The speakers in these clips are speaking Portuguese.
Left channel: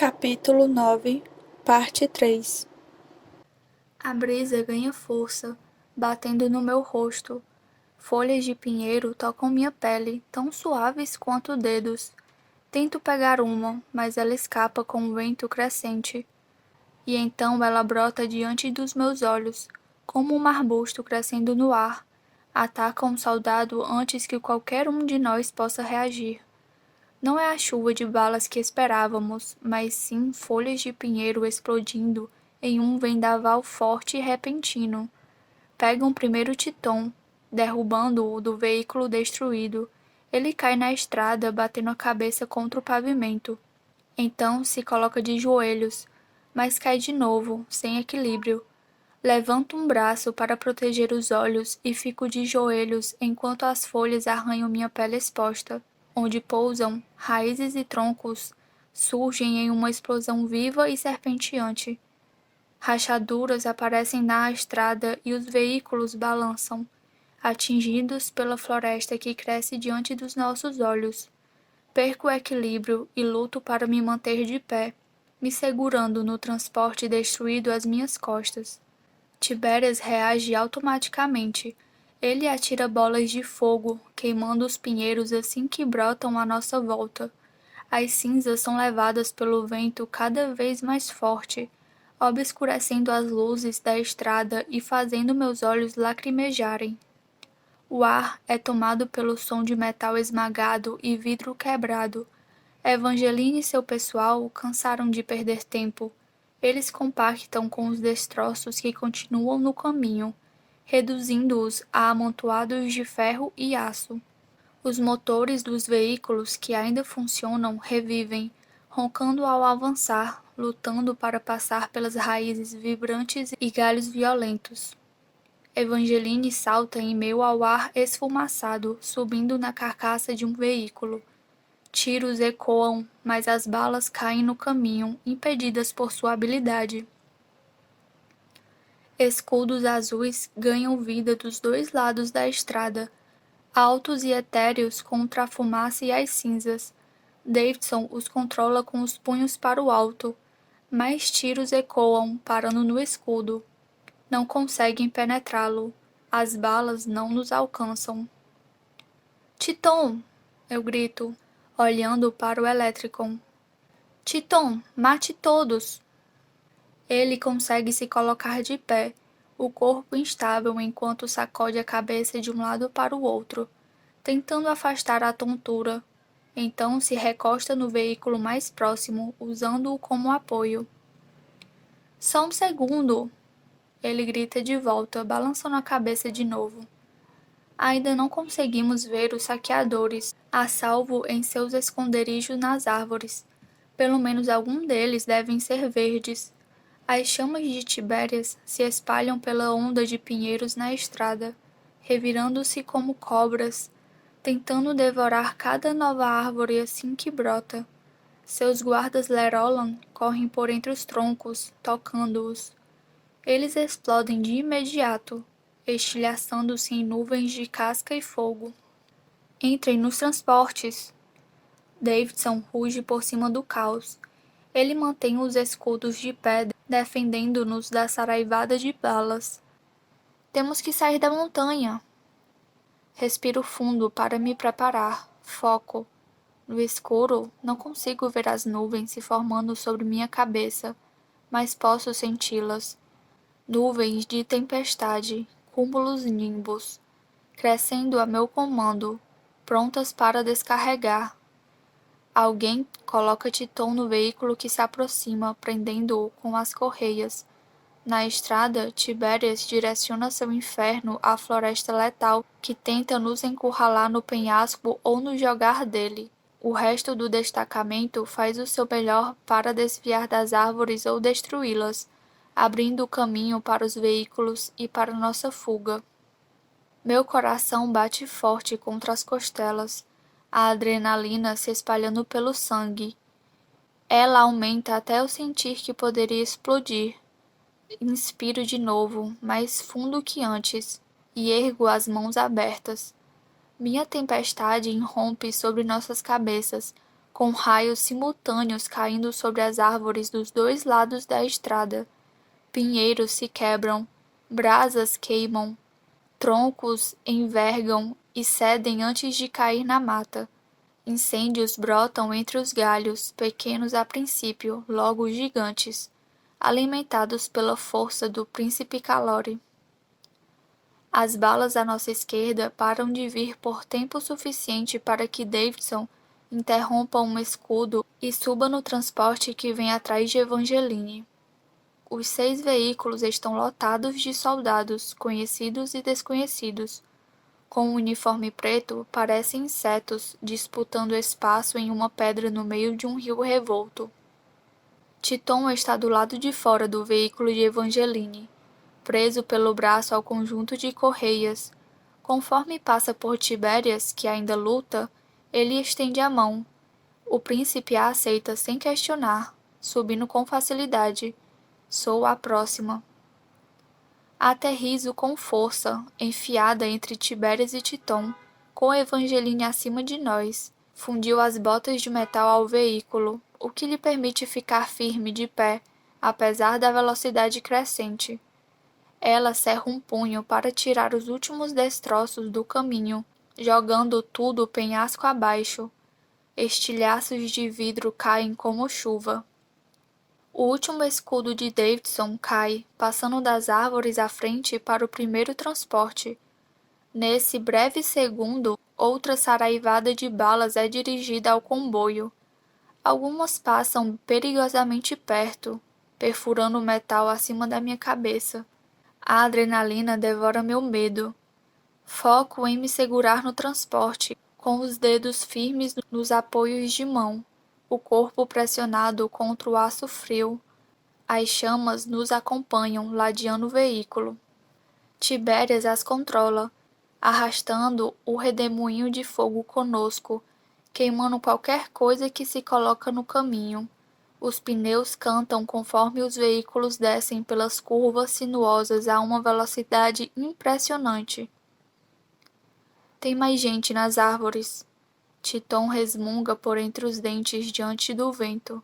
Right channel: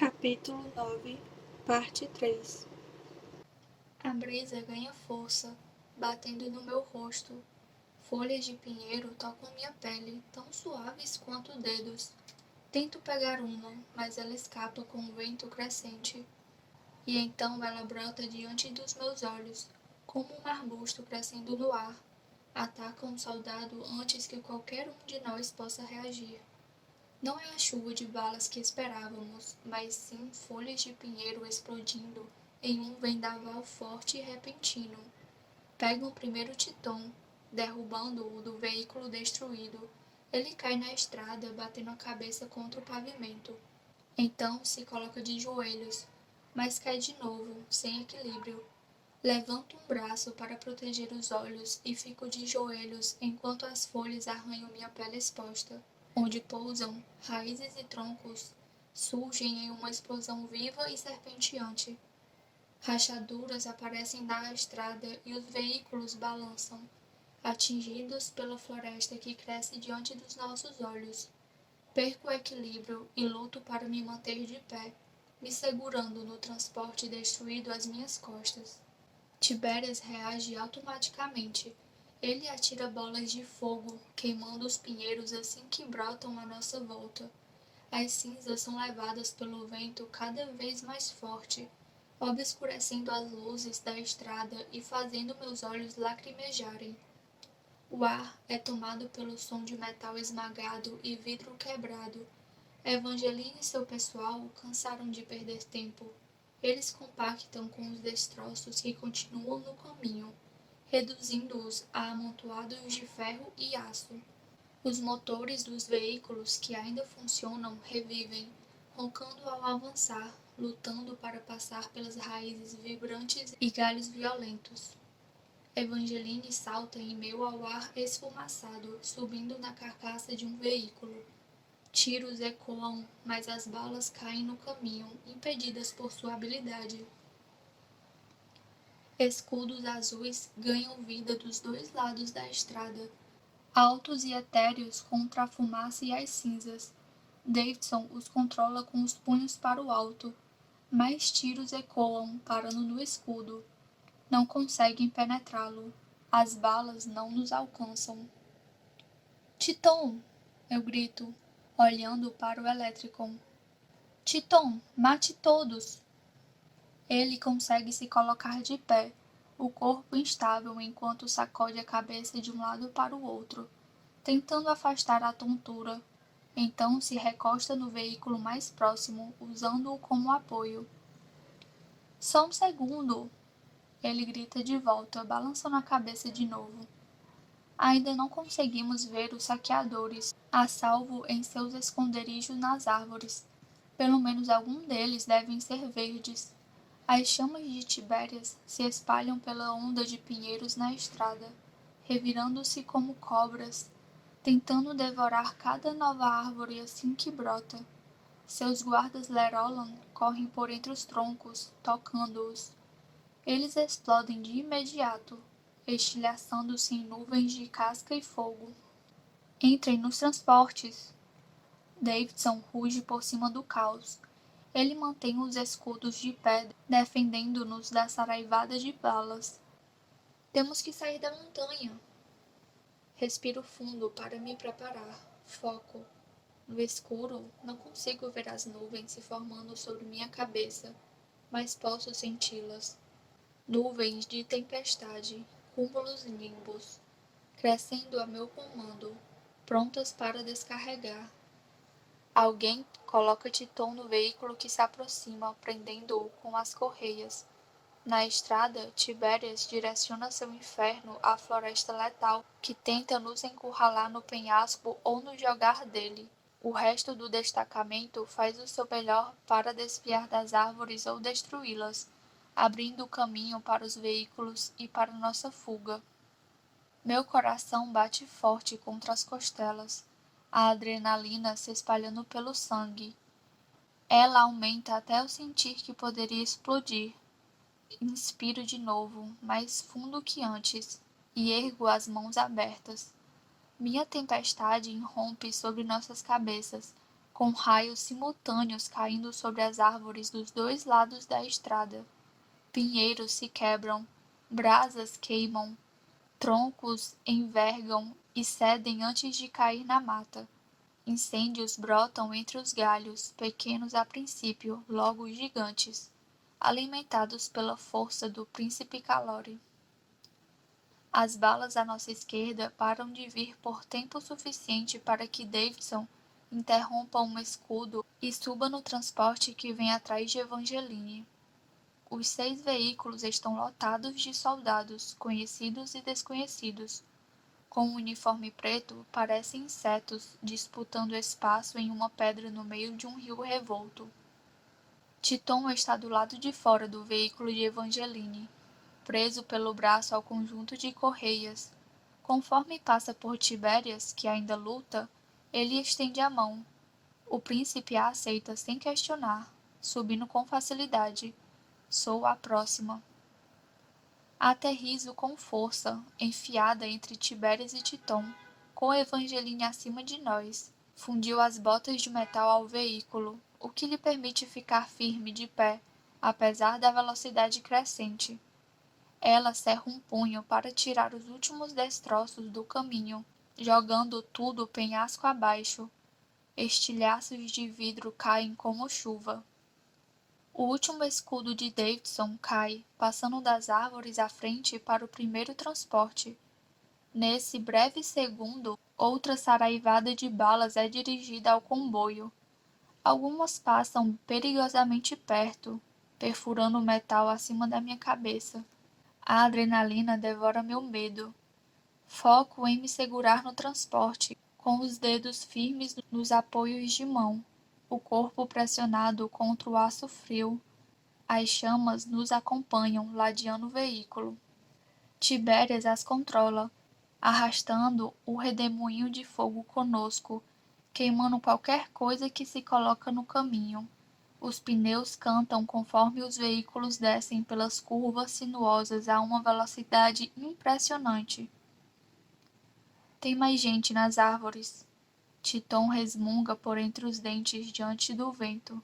Capítulo 9, Parte 3. A brisa ganha força, batendo no meu rosto. Folhas de pinheiro tocam minha pele, tão suaves quanto dedos. Tento pegar uma, mas ela escapa com o vento crescente. E então ela brota diante dos meus olhos, como um arbusto crescendo no ar. Ataca um soldado antes que qualquer um de nós possa reagir. Não é a chuva de balas que esperávamos, mas sim folhas de pinheiro explodindo em um vendaval forte e repentino. Pegam primeiro Titon, derrubando-o do veículo destruído. Ele cai na estrada, batendo a cabeça contra o pavimento. Então se coloca de joelhos, mas cai de novo, sem equilíbrio. Levanto um braço para proteger os olhos e fico de joelhos enquanto as folhas arranham minha pele exposta. Onde pousam, raízes e troncos surgem em uma explosão viva e serpenteante. Rachaduras aparecem na estrada e os veículos balançam, atingidos pela floresta que cresce diante dos nossos olhos. Perco o equilíbrio e luto para me manter de pé, me segurando no transporte destruído às minhas costas. Tibérias reage automaticamente. Ele atira bolas de fogo, queimando os pinheiros assim que brotam à nossa volta. As cinzas são levadas pelo vento cada vez mais forte, obscurecendo as luzes da estrada e fazendo meus olhos lacrimejarem. O ar é tomado pelo som de metal esmagado e vidro quebrado. Evangeline e seu pessoal cansaram de perder tempo. Eles compactam com os destroços que continuam no caminho, reduzindo-os a amontoados de ferro e aço. Os motores dos veículos que ainda funcionam revivem, roncando ao avançar, lutando para passar pelas raízes vibrantes e galhos violentos. Evangeline salta em meio ao ar esfumaçado, subindo na carcaça de um veículo. Tiros ecoam, mas as balas caem no caminho, impedidas por sua habilidade. Escudos azuis ganham vida dos dois lados da estrada, altos e etéreos contra a fumaça e as cinzas. Davidson os controla com os punhos para o alto. Mais tiros ecoam, parando no escudo. Não conseguem penetrá-lo. As balas não nos alcançam. Titon! Eu grito, olhando para o Electricon. Titon, mate todos! Ele consegue se colocar de pé, o corpo instável enquanto sacode a cabeça de um lado para o outro, tentando afastar a tontura. Então se recosta no veículo mais próximo, usando-o como apoio. Só um segundo! Ele grita de volta, balançando a cabeça de novo. Ainda não conseguimos ver os saqueadores, a salvo em seus esconderijos nas árvores. Pelo menos algum deles devem ser verdes. As chamas de Tibérias se espalham pela onda de pinheiros na estrada, revirando-se como cobras, tentando devorar cada nova árvore assim que brota. Seus guardas Lerolan correm por entre os troncos, tocando-os. Eles explodem de imediato, estilhaçando-se em nuvens de casca e fogo. Entrem nos transportes! Davidson ruge por cima do caos. Ele mantém os escudos de pé, defendendo-nos da saraivada de balas. Temos que sair da montanha! Respiro fundo para me preparar. Foco. No escuro, não consigo ver as nuvens se formando sobre minha cabeça, mas posso senti-las. Nuvens de tempestade, cúmulos nimbus, crescendo a meu comando, prontas para descarregar. Alguém coloca Titon no veículo que se aproxima, prendendo-o com as correias. Na estrada, Tibérias direciona seu inferno à floresta letal que tenta nos encurralar no penhasco ou nos jogar dele. O resto do destacamento faz o seu melhor para desviar das árvores ou destruí-las, abrindo o caminho para os veículos e para nossa fuga. Meu coração bate forte contra as costelas, a adrenalina se espalhando pelo sangue. Ela aumenta até eu sentir que poderia explodir. Inspiro de novo, mais fundo que antes, e ergo as mãos abertas. Minha tempestade irrompe sobre nossas cabeças, com raios simultâneos caindo sobre as árvores dos dois lados da estrada. Pinheiros se quebram, brasas queimam, troncos envergam e cedem antes de cair na mata. Incêndios brotam entre os galhos, pequenos a princípio, logo gigantes, alimentados pela força do príncipe Calore. As balas à nossa esquerda param de vir por tempo suficiente para que Davidson interrompa um escudo e suba no transporte que vem atrás de Evangeline. Os 6 veículos estão lotados de soldados, conhecidos e desconhecidos. Com o uniforme preto, parecem insetos disputando espaço em uma pedra no meio de um rio revolto. Titon está do lado de fora do veículo de Evangeline, preso pelo braço ao conjunto de correias. Conforme passa por Tibérias, que ainda luta, ele estende a mão. O príncipe a aceita sem questionar, subindo com facilidade. Sou a próxima. Aterrizo com força, enfiada entre Tibérias e Titon, com Evangeline acima de nós. Fundiu as botas de metal ao veículo, o que lhe permite ficar firme de pé, apesar da velocidade crescente. Ela cerra um punho para tirar os últimos destroços do caminho, jogando tudo penhasco abaixo. Estilhaços de vidro caem como chuva. O último escudo de Davidson cai, passando das árvores à frente para o primeiro transporte. Nesse breve segundo, outra saraivada de balas é dirigida ao comboio. Algumas passam perigosamente perto, perfurando o metal acima da minha cabeça. A adrenalina devora meu medo. Foco em me segurar no transporte, com os dedos firmes nos apoios de mão, o corpo pressionado contra o aço frio. As chamas nos acompanham, ladeando o veículo. Tibérias as controla, arrastando o redemoinho de fogo conosco, queimando qualquer coisa que se coloca no caminho. Os pneus cantam conforme os veículos descem pelas curvas sinuosas a uma velocidade impressionante. Tem mais gente nas árvores. Titon resmunga por entre os dentes diante do vento.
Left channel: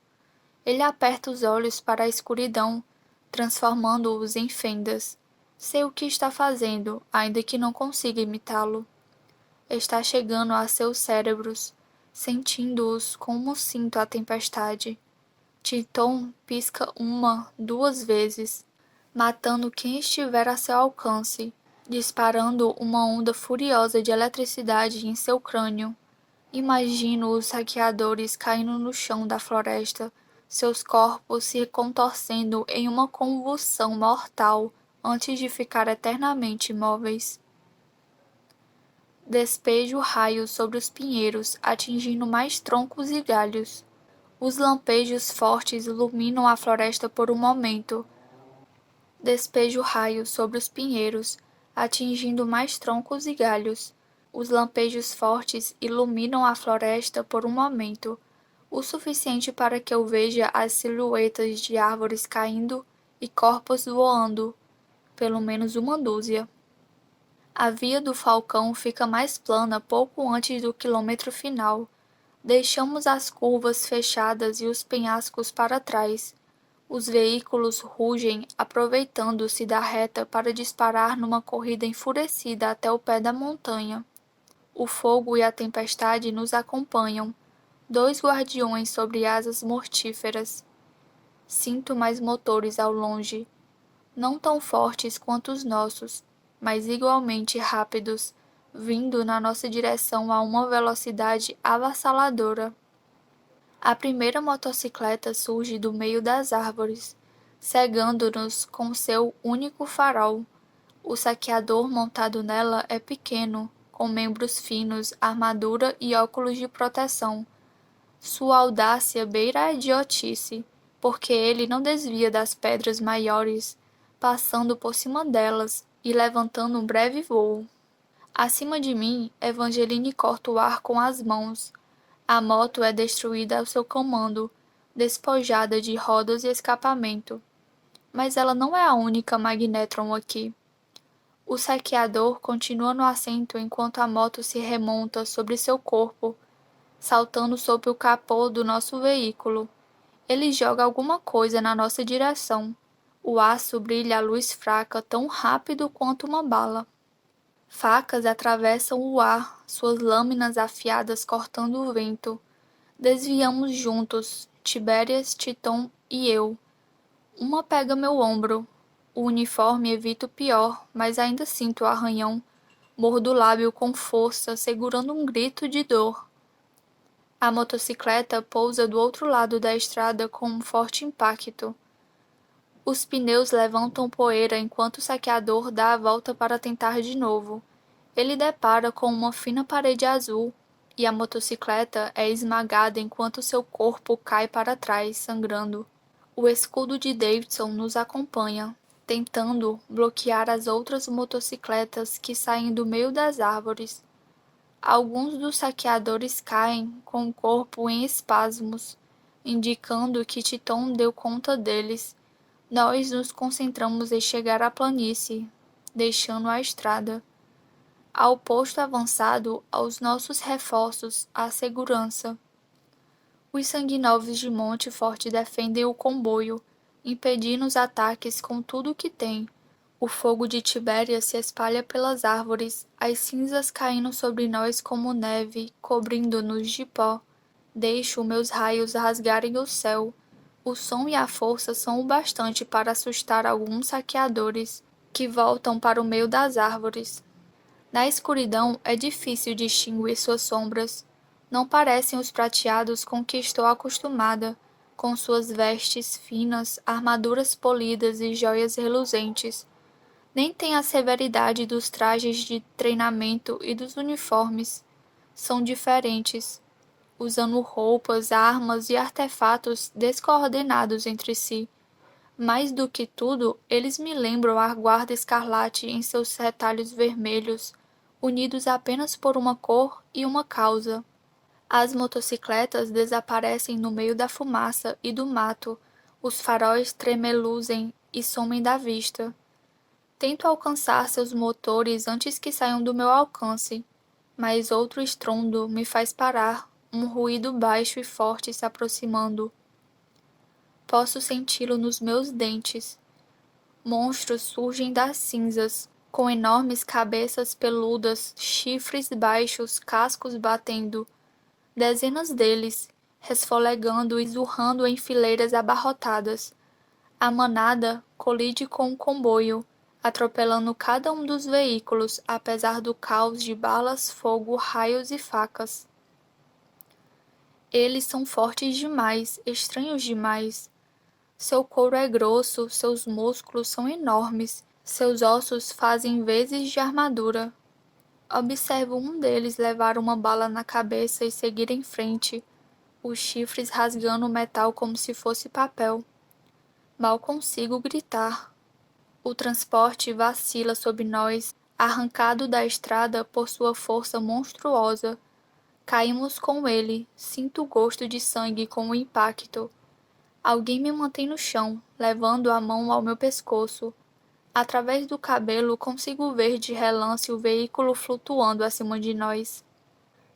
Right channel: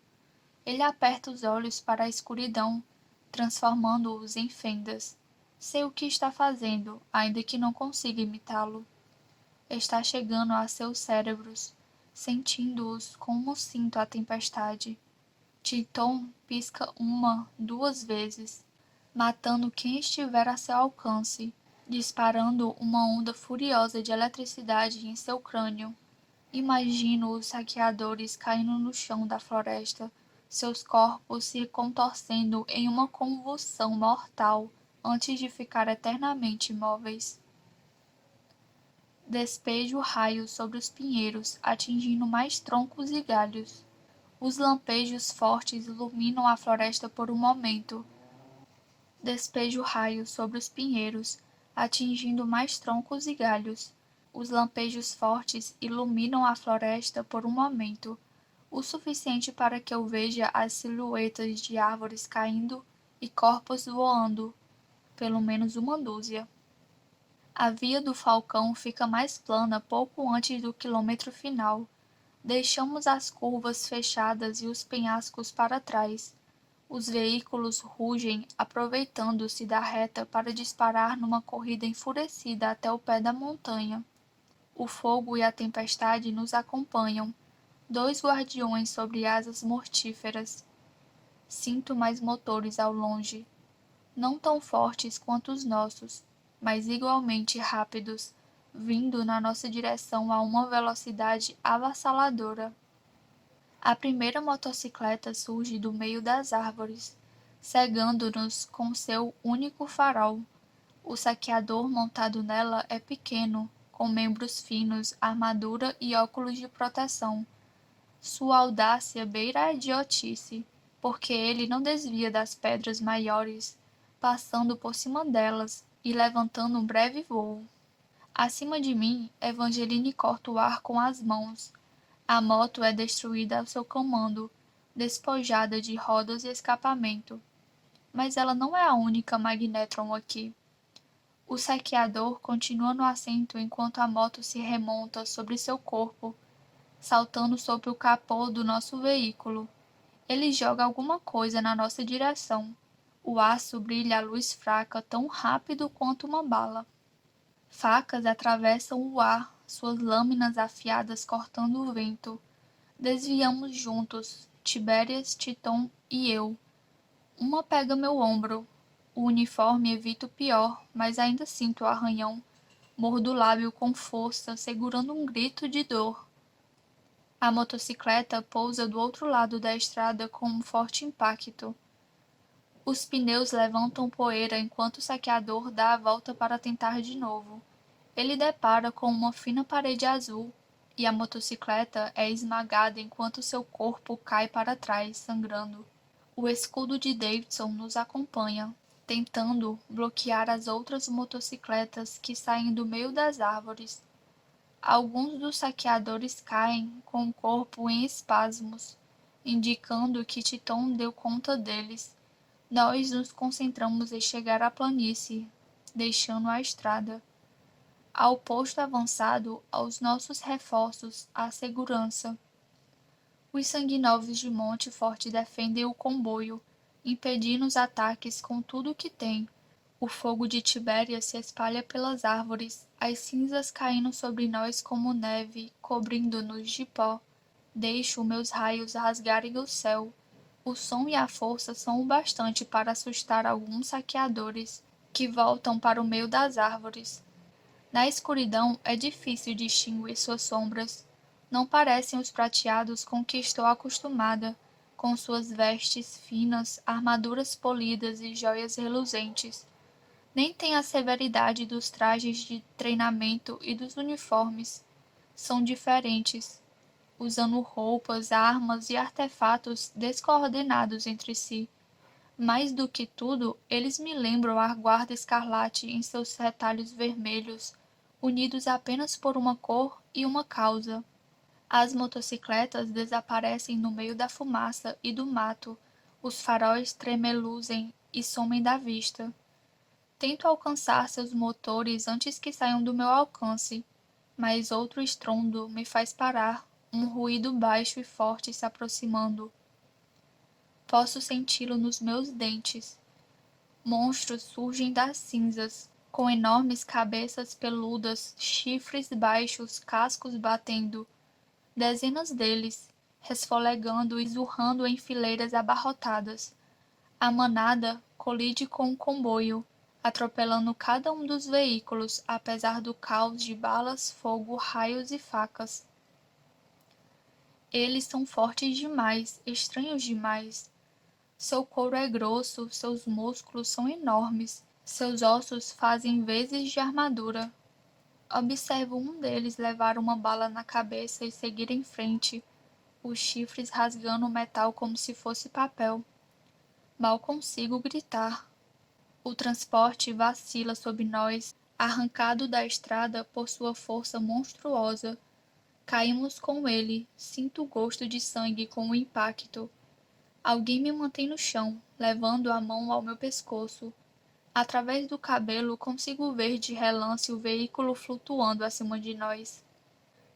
Ele aperta os olhos para a escuridão, transformando-os em fendas. Sei o que está fazendo, ainda que não consiga imitá-lo. Está chegando a seus cérebros, sentindo-os como sinto a tempestade. Titon pisca 1, 2 vezes, matando quem estiver a seu alcance, disparando uma onda furiosa de eletricidade em seu crânio. Imagino os saqueadores caindo no chão da floresta, seus corpos se contorcendo em uma convulsão mortal antes de ficar eternamente imóveis. Despejo raios sobre os pinheiros, atingindo mais troncos e galhos. Os lampejos fortes iluminam a floresta por um momento. Despejo raios sobre os pinheiros, atingindo mais troncos e galhos. Os lampejos fortes iluminam a floresta por um momento, o suficiente para que eu veja as silhuetas de árvores caindo e corpos voando, pelo menos uma dúzia. A via do Falcão fica mais plana pouco antes do quilômetro final. Deixamos as curvas fechadas e os penhascos para trás. Os veículos rugem, aproveitando-se da reta para disparar numa corrida enfurecida até o pé da montanha. O fogo e a tempestade nos acompanham, 2 guardiões sobre asas mortíferas. Sinto mais motores ao longe, não tão fortes quanto os nossos, mas igualmente rápidos, vindo na nossa direção a uma velocidade avassaladora. A primeira motocicleta surge do meio das árvores, cegando-nos com seu único farol. O saqueador montado nela é pequeno, com membros finos, armadura e óculos de proteção. Sua audácia beira a idiotice, porque ele não desvia das pedras maiores, passando por cima delas e levantando um breve voo. Acima de mim, Evangeline corta o ar com as mãos. A moto é destruída ao seu comando, despojada de rodas e escapamento. Mas ela não é a única Magnetron aqui. O saqueador continua no assento enquanto a moto se remonta sobre seu corpo. saltando sobre o capô do nosso veículo. Ele joga alguma coisa na nossa direção. O aço brilha à luz fraca tão rápido quanto uma bala. Facas atravessam o ar, suas lâminas afiadas cortando o vento. Desviamos juntos, Tibérias, Titon e eu. Uma pega meu ombro. O uniforme evita o pior, mas ainda sinto o arranhão. Mordo o lábio com força, segurando um grito de dor. A motocicleta pousa do outro lado da estrada com um forte impacto. Os pneus levantam poeira enquanto o saqueador dá a volta para tentar de novo. Ele depara com uma fina parede azul e a motocicleta é esmagada enquanto seu corpo cai para trás, sangrando. O escudo de Davidson nos acompanha, tentando bloquear as outras motocicletas que saem do meio das árvores. Alguns dos saqueadores caem com o corpo em espasmos, indicando que Titon deu conta deles. Nós nos concentramos em chegar à planície, deixando a estrada. Ao posto avançado, aos nossos reforços, à segurança. Os sanguinovos de Monte Forte defendem o comboio, impedindo os ataques com tudo o que tem. O fogo de Tibéria se espalha pelas árvores, as cinzas caindo sobre nós como neve, cobrindo-nos de pó. Deixo meus raios rasgarem o céu. O som e a força são o bastante para assustar alguns saqueadores, que voltam para o meio das árvores. Na escuridão é difícil distinguir suas sombras. Não parecem os prateados com que estou acostumada, com suas vestes finas, armaduras polidas e joias reluzentes. Nem tem a severidade dos trajes de treinamento e dos uniformes. São diferentes, usando roupas, armas e artefatos descoordenados entre si. Mais do que tudo, eles me lembram a guarda escarlate em seus retalhos vermelhos, unidos apenas por uma cor e uma causa. As motocicletas desaparecem no meio da fumaça e do mato, os faróis tremeluzem e somem da vista. Tento alcançar seus motores antes que saiam do meu alcance, mas outro estrondo me faz parar, um ruído baixo e forte se aproximando. Posso senti-lo nos meus dentes. Monstros surgem das cinzas, com enormes cabeças peludas, chifres baixos, cascos batendo. Dezenas deles, resfolegando e zurrando em fileiras abarrotadas. A manada colide com o comboio, atropelando cada um dos veículos, apesar do caos de balas, fogo, raios e facas. Eles são fortes demais, estranhos demais. Seu couro é grosso, seus músculos são enormes, seus ossos fazem vezes de armadura. Observo um deles levar uma bala na cabeça e seguir em frente, os chifres rasgando o metal como se fosse papel. Mal consigo gritar. O transporte vacila sob nós, arrancado da estrada por sua força monstruosa. Caímos com ele, sinto o gosto de sangue com o impacto. Alguém me mantém no chão, levando a mão ao meu pescoço. Através do cabelo consigo ver de relance o veículo flutuando acima de nós.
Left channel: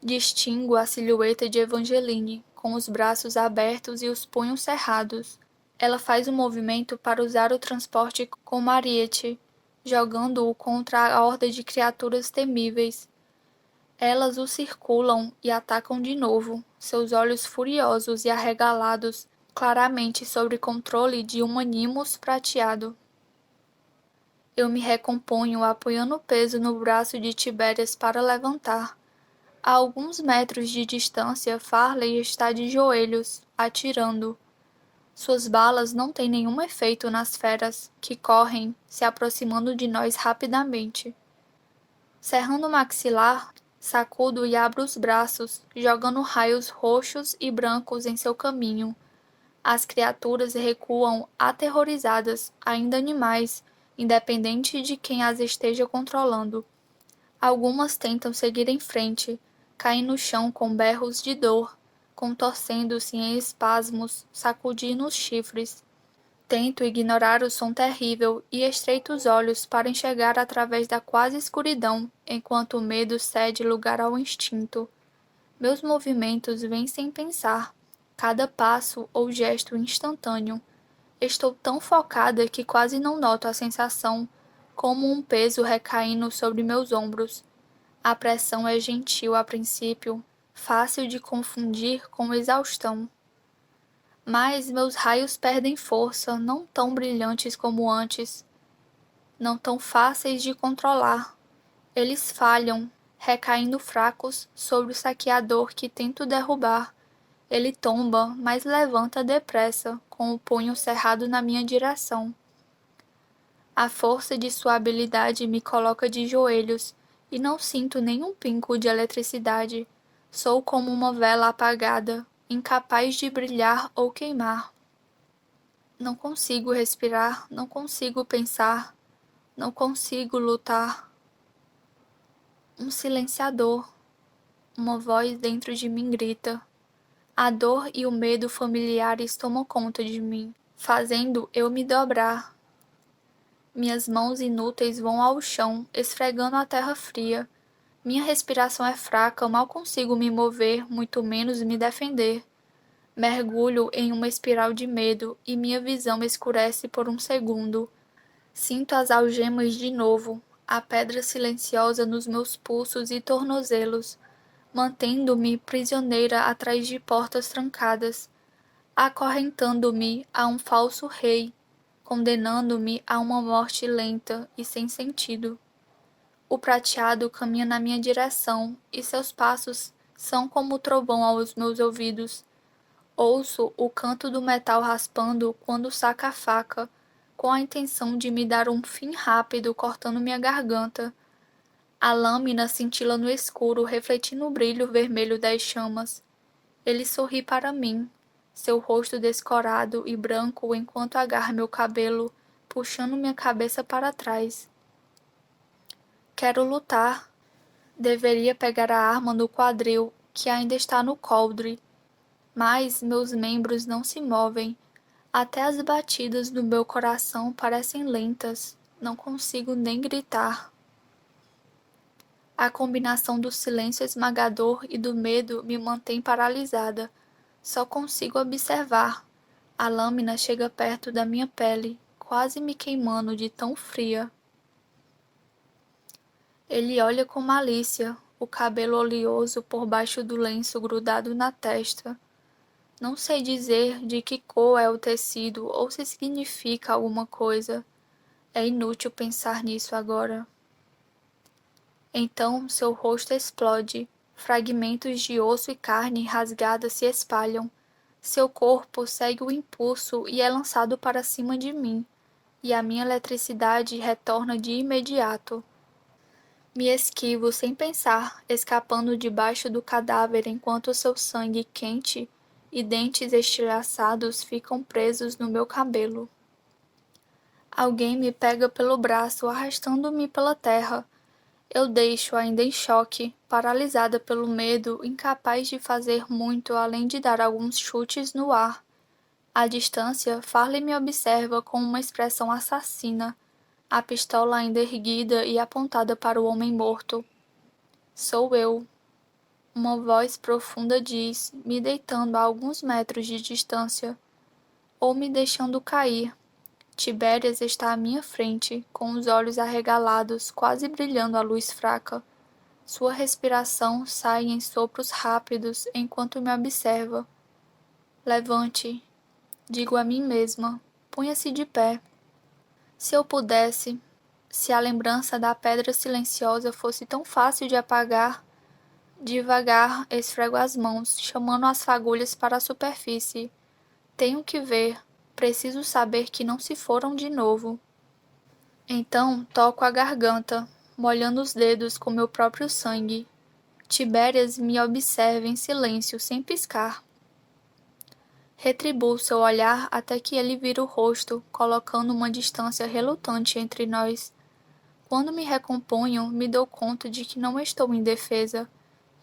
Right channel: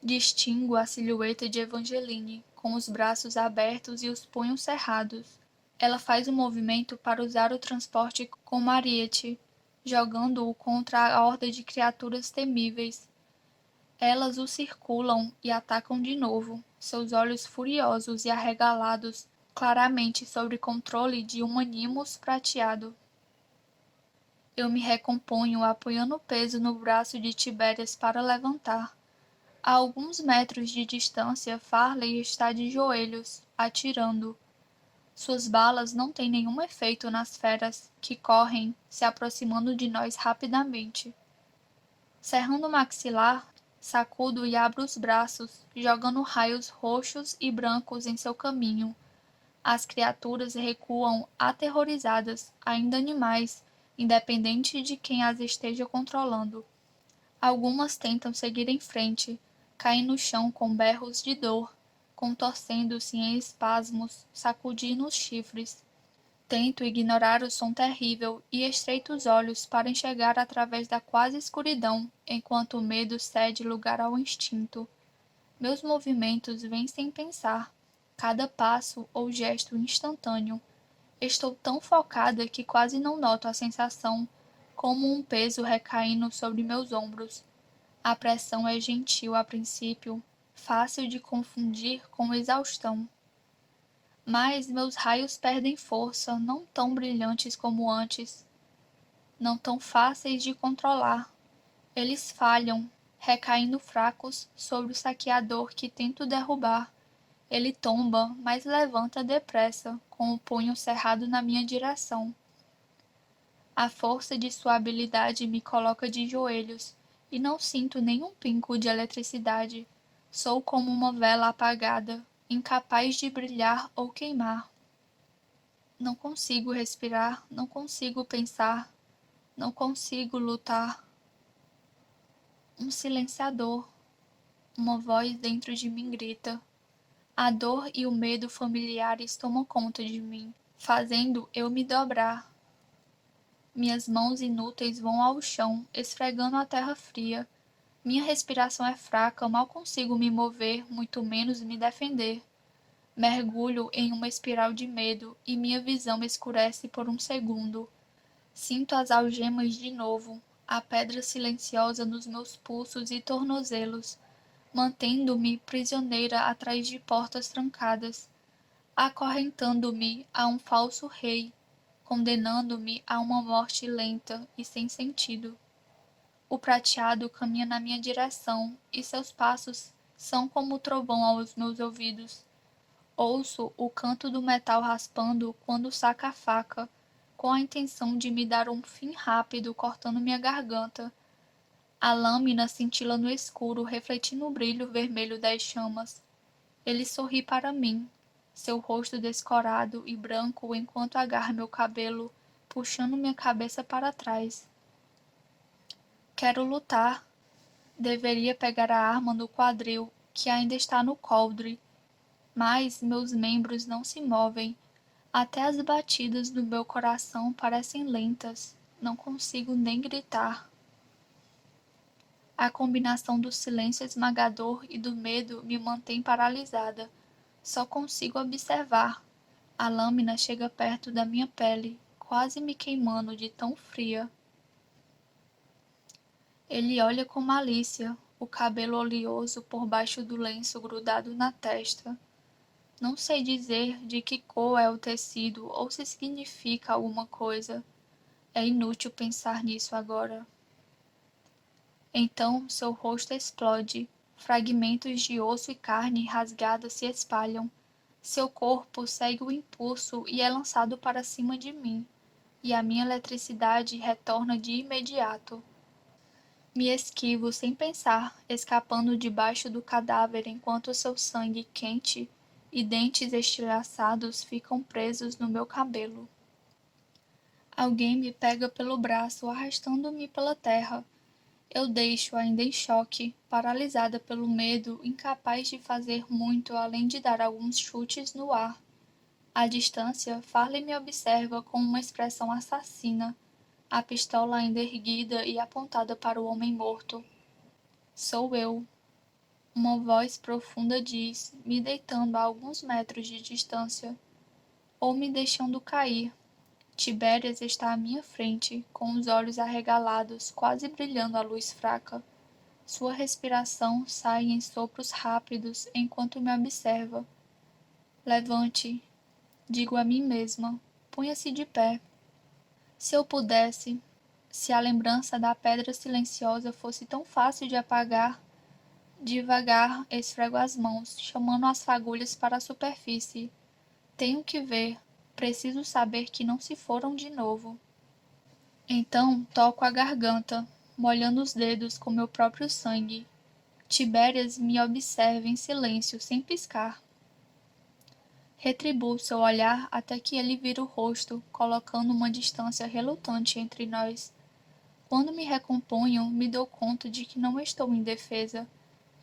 Distingo a silhueta de Evangeline, com os braços abertos e os punhos cerrados. Ela faz um movimento para usar o transporte com Mariette, jogando-o contra a horda de criaturas temíveis. Elas o circulam e atacam de novo, seus olhos furiosos e arregalados, claramente sob controle de um animus prateado. Eu me recomponho apoiando o peso no braço de Tibérias para levantar. A alguns metros de distância, Farley está de joelhos, atirando. Suas balas não têm nenhum efeito nas feras, que correm, se aproximando de nós rapidamente. Cerrando o maxilar, sacudo e abro os braços, jogando raios roxos e brancos em seu caminho. As criaturas recuam aterrorizadas, ainda animais, independente de quem as esteja controlando. Algumas tentam seguir em frente, caem no chão com berros de dor, contorcendo-se em espasmos, sacudindo os chifres. Tento ignorar o som terrível e estreito os olhos para enxergar através da quase escuridão, enquanto o medo cede lugar ao instinto. Meus movimentos vêm sem pensar, cada passo ou gesto instantâneo. Estou tão focada que quase não noto a sensação, como um peso recaindo sobre meus ombros. A pressão é gentil a princípio, fácil de confundir com exaustão. Mas meus raios perdem força, não tão brilhantes como antes, não tão fáceis de controlar. Eles falham, recaindo fracos sobre o saqueador que tento derrubar. Ele tomba, mas levanta depressa, com o punho cerrado na minha direção. A força de sua habilidade me coloca de joelhos, e não sinto nenhum pingo de eletricidade. Sou como uma vela apagada, incapaz de brilhar ou queimar. Não consigo respirar, não consigo pensar, não consigo lutar. Um silenciador, uma voz dentro de mim grita. A dor e o medo familiares tomam conta de mim, fazendo eu me dobrar. Minhas mãos inúteis vão ao chão, esfregando a terra fria. Minha respiração é fraca, mal consigo me mover, muito menos me defender. Mergulho em uma espiral de medo e minha visão escurece por um segundo. Sinto as algemas de novo, a pedra silenciosa nos meus pulsos e tornozelos, mantendo-me prisioneira atrás de portas trancadas, acorrentando-me a um falso rei, condenando-me a uma morte lenta e sem sentido. O prateado caminha na minha direção e seus passos são como o trovão aos meus ouvidos. Ouço o canto do metal raspando quando saca a faca, com a intenção de me dar um fim rápido cortando minha garganta. A lâmina cintila no escuro, refletindo o brilho vermelho das chamas. Ele sorri para mim, seu rosto descorado e branco enquanto agarra meu cabelo, puxando minha cabeça para trás. Quero lutar. Deveria pegar a arma no quadril, que ainda está no coldre, mas meus membros não se movem. Até as batidas do meu coração parecem lentas. Não consigo nem gritar. A combinação do silêncio esmagador e do medo me mantém paralisada. Só consigo observar. A lâmina chega perto da minha pele, quase me queimando de tão fria. Ele olha com malícia, o cabelo oleoso por baixo do lenço grudado na testa. Não sei dizer de que cor é o tecido ou se significa alguma coisa. É inútil pensar nisso agora. Então seu rosto explode. Fragmentos de osso e carne rasgada se espalham. Seu corpo segue o impulso e é lançado para cima de mim, e a minha eletricidade retorna de imediato. Me esquivo sem pensar, escapando debaixo do cadáver enquanto seu sangue quente e dentes estilhaçados ficam presos no meu cabelo. Alguém me pega pelo braço, arrastando-me pela terra. Eu deixo ainda em choque, paralisada pelo medo, incapaz de fazer muito além de dar alguns chutes no ar. À distância, Farley me observa com uma expressão assassina, a pistola ainda erguida e apontada para o homem morto. Sou eu. Uma voz profunda diz, me deitando a alguns metros de distância, ou me deixando cair. Tibérias está à minha frente, com os olhos arregalados, quase brilhando à luz fraca. Sua respiração sai em sopros rápidos enquanto me observa. Levante, digo a mim mesma, punha-se de pé. Se eu pudesse, se a lembrança da pedra silenciosa fosse tão fácil de apagar, devagar esfrego as mãos, chamando as fagulhas para a superfície. Tenho que ver, preciso saber que não se foram de novo. Então toco a garganta, molhando os dedos com meu próprio sangue. Tibérias me observa em silêncio, sem piscar. Retribuo seu olhar até que ele vira o rosto, colocando uma distância relutante entre nós. Quando me recomponho, me dou conta de que não estou indefesa.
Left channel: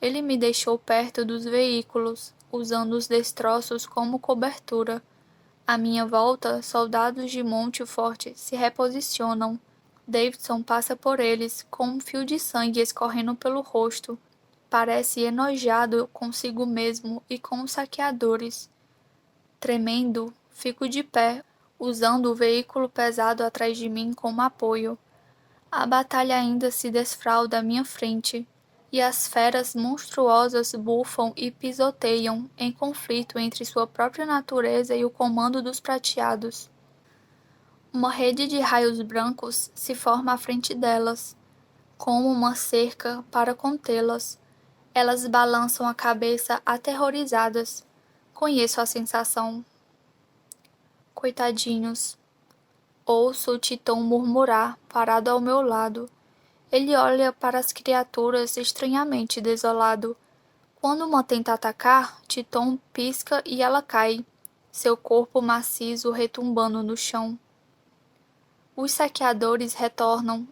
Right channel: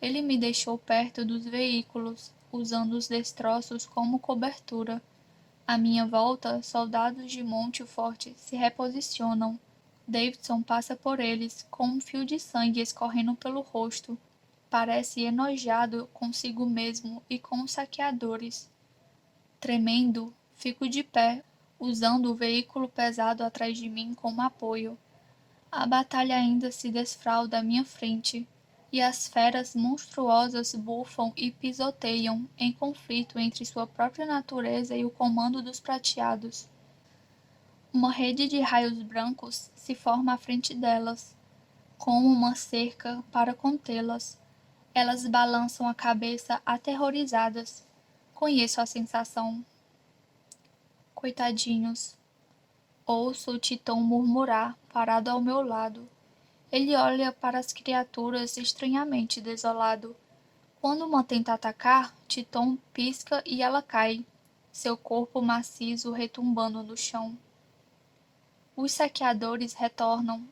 Ele me deixou perto dos veículos, usando os destroços como cobertura. À minha volta, soldados de Montfort se reposicionam. Davidson passa por eles, com um fio de sangue escorrendo pelo rosto. parece enojado consigo mesmo e com os saqueadores. Tremendo, fico de pé, usando o veículo pesado atrás de mim como apoio. A batalha ainda se desfralda à minha frente, e as feras monstruosas bufam e pisoteiam em conflito entre sua própria natureza e o comando dos prateados. Uma rede de raios brancos se forma à frente delas, como uma cerca para contê-las. Elas balançam a cabeça aterrorizadas. Conheço a sensação. Coitadinhos. Ouço o Titão murmurar, parado ao meu lado. Ele olha para as criaturas estranhamente desolado. Quando uma tenta atacar, Titão pisca e ela cai, seu corpo maciço retumbando no chão. Os saqueadores retornam,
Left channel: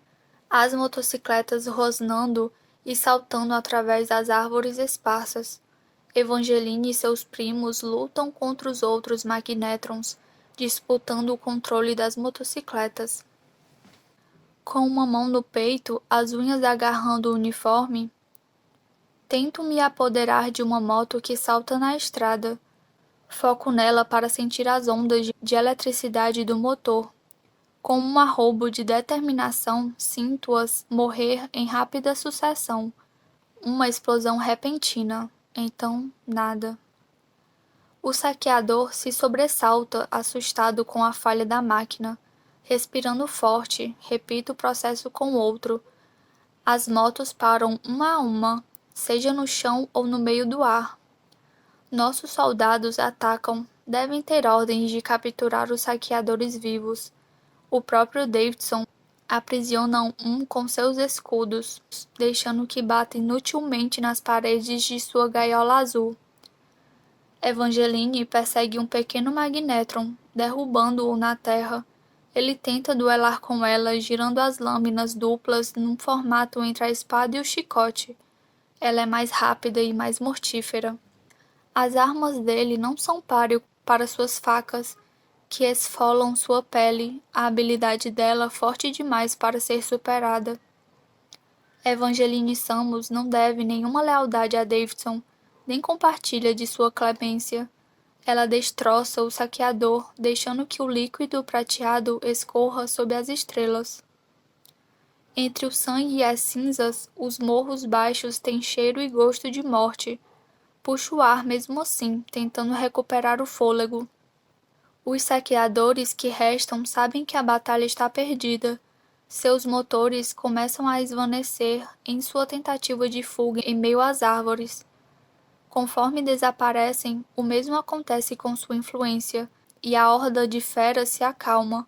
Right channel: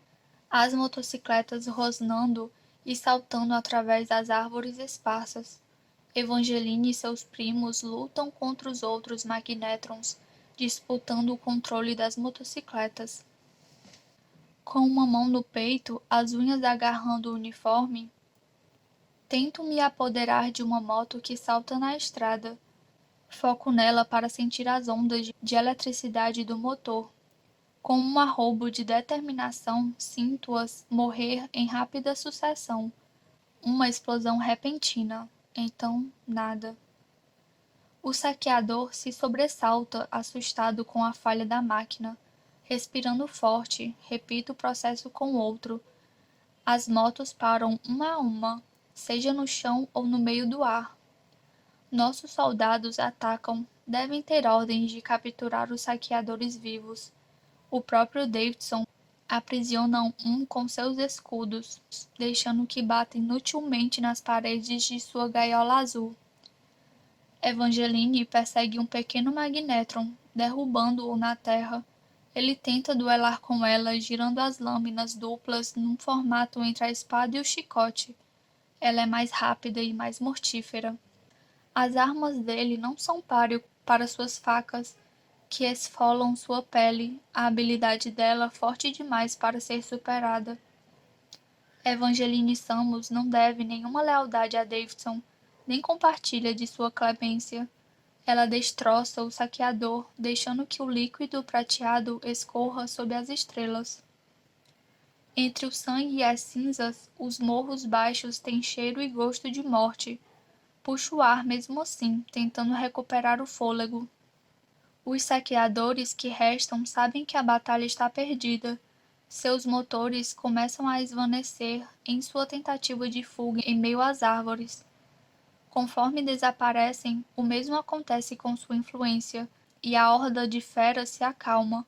as motocicletas rosnando e saltando através das árvores esparsas. Evangeline e seus primos lutam contra os outros magnétrons, disputando o controle das motocicletas. Com uma mão no peito, as unhas agarrando o uniforme, tento me apoderar de uma moto que salta na estrada. Foco nela para sentir as ondas de eletricidade do motor. Com um arrobo de determinação, sinto-as morrer em rápida sucessão. Uma explosão repentina. Então, nada. O saqueador se sobressalta, assustado com a falha da máquina. Respirando forte, repito o processo com outro. As motos param uma a uma, seja no chão ou no meio do ar. Nossos soldados atacam, devem ter ordens de capturar os saqueadores vivos. O próprio Davidson aprisiona um com seus escudos, deixando que bata inutilmente nas paredes de sua gaiola azul. Evangeline persegue um pequeno magnétron, derrubando-o na terra. Ele tenta duelar com ela, girando as lâminas duplas num formato entre a espada e o chicote. Ela é mais rápida e mais mortífera. As armas dele não são páreo para suas facas, que esfolam sua pele, a habilidade dela forte demais para ser superada. Evangeline Samus não deve nenhuma lealdade a Davidson, nem compartilha de sua clemência. Ela destroça o saqueador, deixando que o líquido prateado escorra sob as estrelas. Entre o sangue e as cinzas, os morros baixos têm cheiro e gosto de morte. Puxo o ar mesmo assim, tentando recuperar o fôlego. Os saqueadores que restam sabem que a batalha está perdida. Seus motores começam a esvanecer em sua tentativa de fuga em meio às árvores. Conforme desaparecem, o mesmo acontece com sua influência, e a horda de feras se acalma.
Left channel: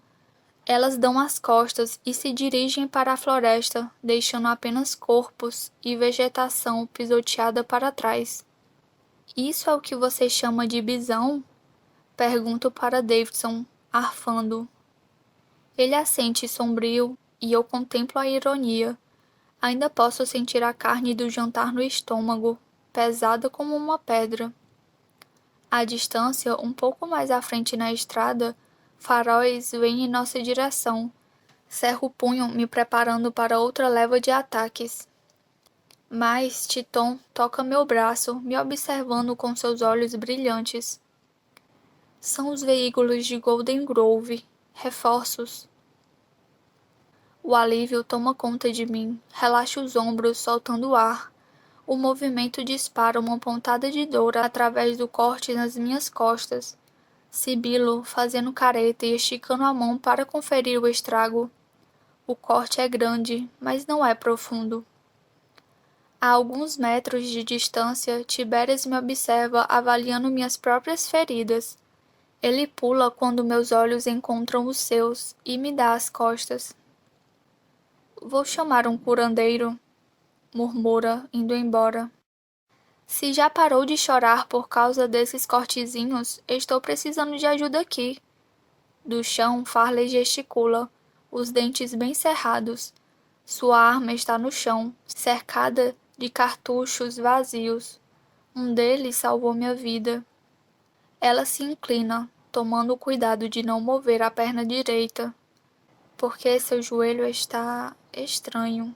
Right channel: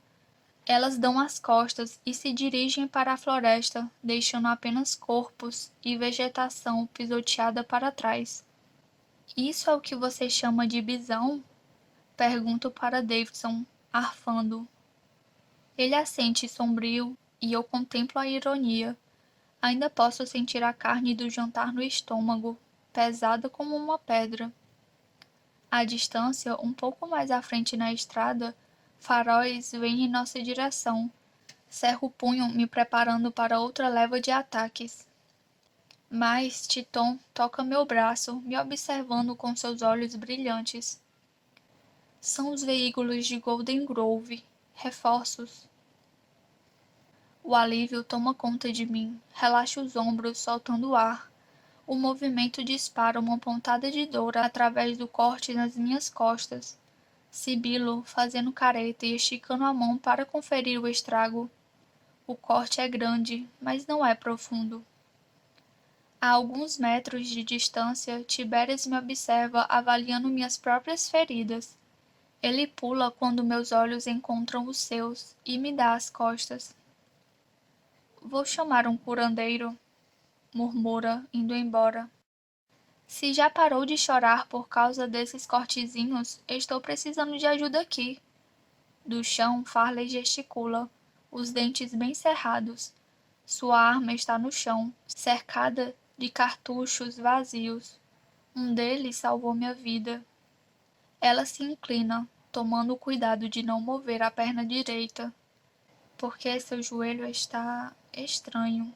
Elas dão as costas e se dirigem para a floresta, deixando apenas corpos e vegetação pisoteada para trás. Isso é o que você chama de bisão? Pergunto para Davidson, arfando. Ele assente sombrio e eu contemplo a ironia. Ainda posso sentir a carne do jantar no estômago, pesada como uma pedra. À distância, um pouco mais à frente na estrada, faróis vêm em nossa direção. Cerro o punho, me preparando para outra leva de ataques. Mas Titon toca meu braço, me observando com seus olhos brilhantes. São os veículos de Golden Grove. Reforços. O alívio toma conta de mim. Relaxo os ombros, soltando o ar. O movimento dispara uma pontada de dor através do corte nas minhas costas. Sibilo, fazendo careta e esticando a mão para conferir o estrago. O corte é grande, mas não é profundo. A alguns metros de distância, Tibérias me observa avaliando minhas próprias feridas. Ele pula quando meus olhos encontram os seus e me dá as costas. Vou chamar um curandeiro, murmura, indo embora. Se já parou de chorar por causa desses cortezinhos, estou precisando de ajuda aqui. Do chão, Farley gesticula, os dentes bem cerrados. Sua arma está no chão, cercada de cartuchos vazios. Um deles salvou minha vida. Ela se inclina, tomando o cuidado de não mover a perna direita, porque seu joelho está estranho.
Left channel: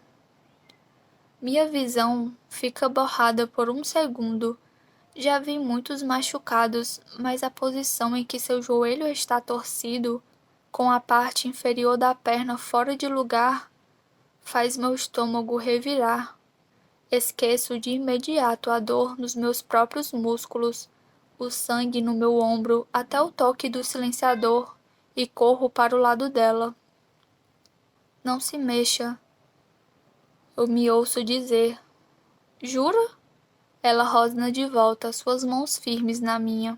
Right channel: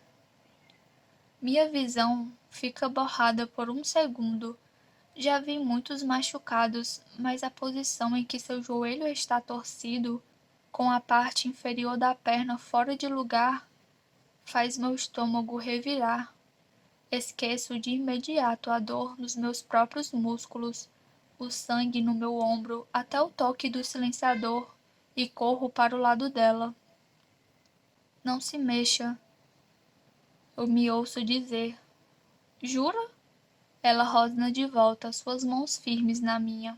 Minha visão fica borrada por um segundo. Já vi muitos machucados, mas a posição em que seu joelho está torcido, com a parte inferior da perna fora de lugar, faz meu estômago revirar. Esqueço de imediato a dor nos meus próprios músculos, o sangue no meu ombro até o toque do silenciador e corro para o lado dela. Não se mexa, eu me ouço dizer. Jura? Ela rosna de volta, suas mãos firmes na minha.